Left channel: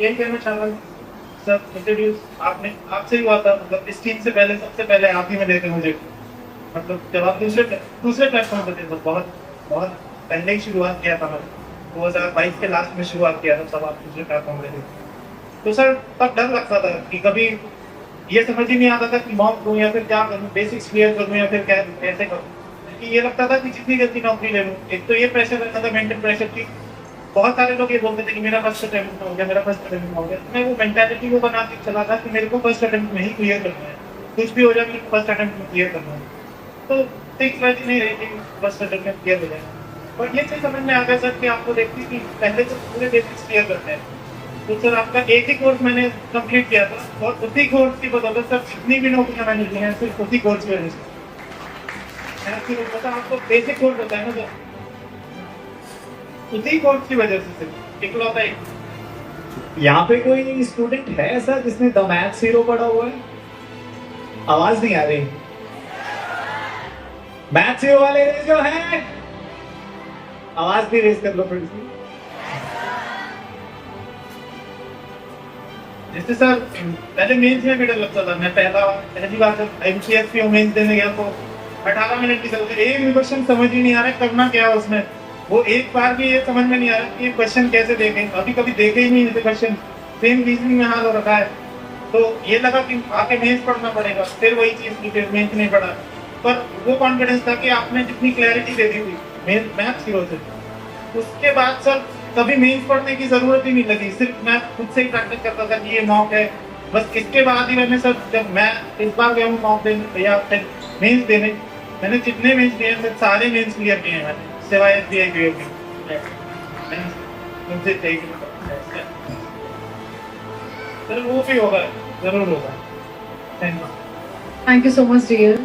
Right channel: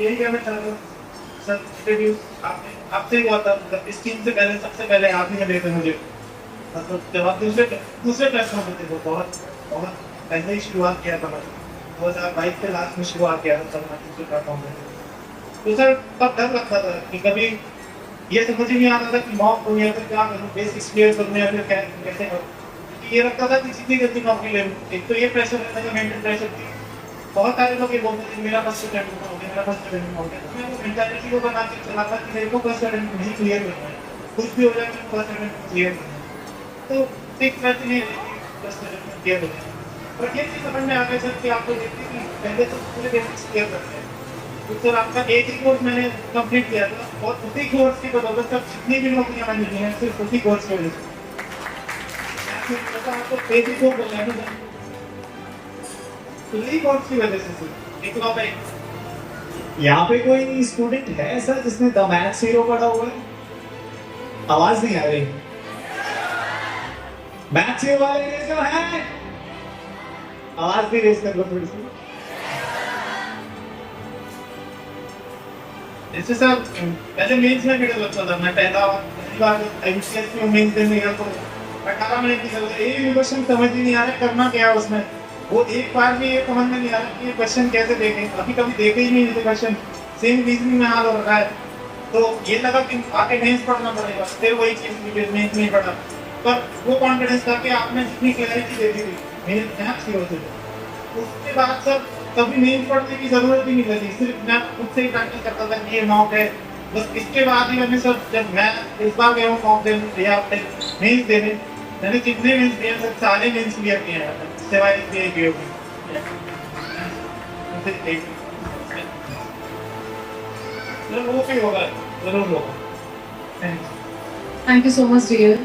यही कहना चाह रहा हूँ सर, इंट्रोड्यूस आपने आपसे ही हुआ था, मतलब इस टीम से पहले सबसे पहले आप ही मिले थे मुझे। मतलब जब आप दूसरे दूसरे प्लेटफॉर्म पे थे, तो बहुत बहुत पहले ही शुरुआत किया था मैंने, 2022 के लास्ट में शुरुआत किया था, तब आप दूसरे प्लेटफॉर्म पे थे। तो सर तब डर लगता था कि कभी ये समझ ही नहीं आता था कि मॉक करूँ या फिर क्या करूँ, बेसिक्स क्लियर करूँ या फिर क्या कैसे करूँ। क्योंकि ये लगता था कि जितनी जल्दी नौकरी ले लूँ, एक तो ये प्रेशर रहता था, मेंटल प्रेशर की बहुत सारे लोग ये बोलते थे कि मेरा फर्स्ट अटेम्प्ट हो गया, मेरा फर्स्ट अटेम्प्ट हो गया। तो मैं वो मेंटालिटी को बना के चला था कि मेरे को फर्स्ट अटेम्प्ट में ही क्लियर करना है, कुछ भी हो जाए मेरे को फर्स्ट अटेम्प्ट में क्लियर करना है। तो ठीक बात नहीं रही कि फर्स्ट अटेम्प्ट में क्लियर हो जाए। और ये चीज़ समझ में आ गया सर कि आपको देखिए कि पहले तो पूरे बेसिक्स क्लियर करते हैं। तो सर आपका एक ही कोर्स मैंने कंप्लीट किया था, और उसी कोर्स की बदौलत सर जितनी भी नौकरियां मैंने ली हैं सिर्फ उसी कोर्स की वजह से। मैं आपको बेसिक कोर्स बताया ना सर, उसी कोर्स की वजह से सिर्फ इकलौता एक। यहाँ पे कोई स्टूडेंट है ऐसा जिसने द मैथ्स हीरो पढ़ा हुआ है? आवाज नहीं आ रही। मैथ्स हीरो वाले जो है, आवाज भी रेज कर लो थोड़ी सी। जैसे सर पहले मेंस में भी डर लगता था। मैं पहली बार एमसीएस की मेंस देने गया तो 18 मिनट की जरूरत, एक भी क्वेश्चन समझ ही नहीं आ रहा करना क्या है उसमें। वो एक बार भी ये समझ में नहीं आ रहा कि ये क्वेश्चन कैसे देखें, अभी कभी देखे ही नहीं क्वेश्चन, सेम रीजनिंग में हाल हो रखा है। तो ये लगा कि आके मेंस पढ़ना पड़ेगा, फिर वही चीज की फिर मेंस नहीं पढ़ा। पर वो कॉन्फिडेंस था कि आपने जितनी क्लैरिटी दे दी थी मैथ्स हीरो से, उसके बाद सर कभी मेंस पढ़ने की जरूरत ही नहीं लगी। सिर्फ मैं खुद से ही प्रैक्टिस करता था कि ये मॉक है, बस इसके बाद ही मैंने सर, जब मैं इस बार गया हूँ मॉक देने या मेंस देने, मैंने जितने मेंस दिए सर सारे मेंस क्लियर किए हैं मैंने, सिवाय एसबीआई पीओ की। सर वो भी होगा, जरूर होगा। Thank you. Thank you so much, dear.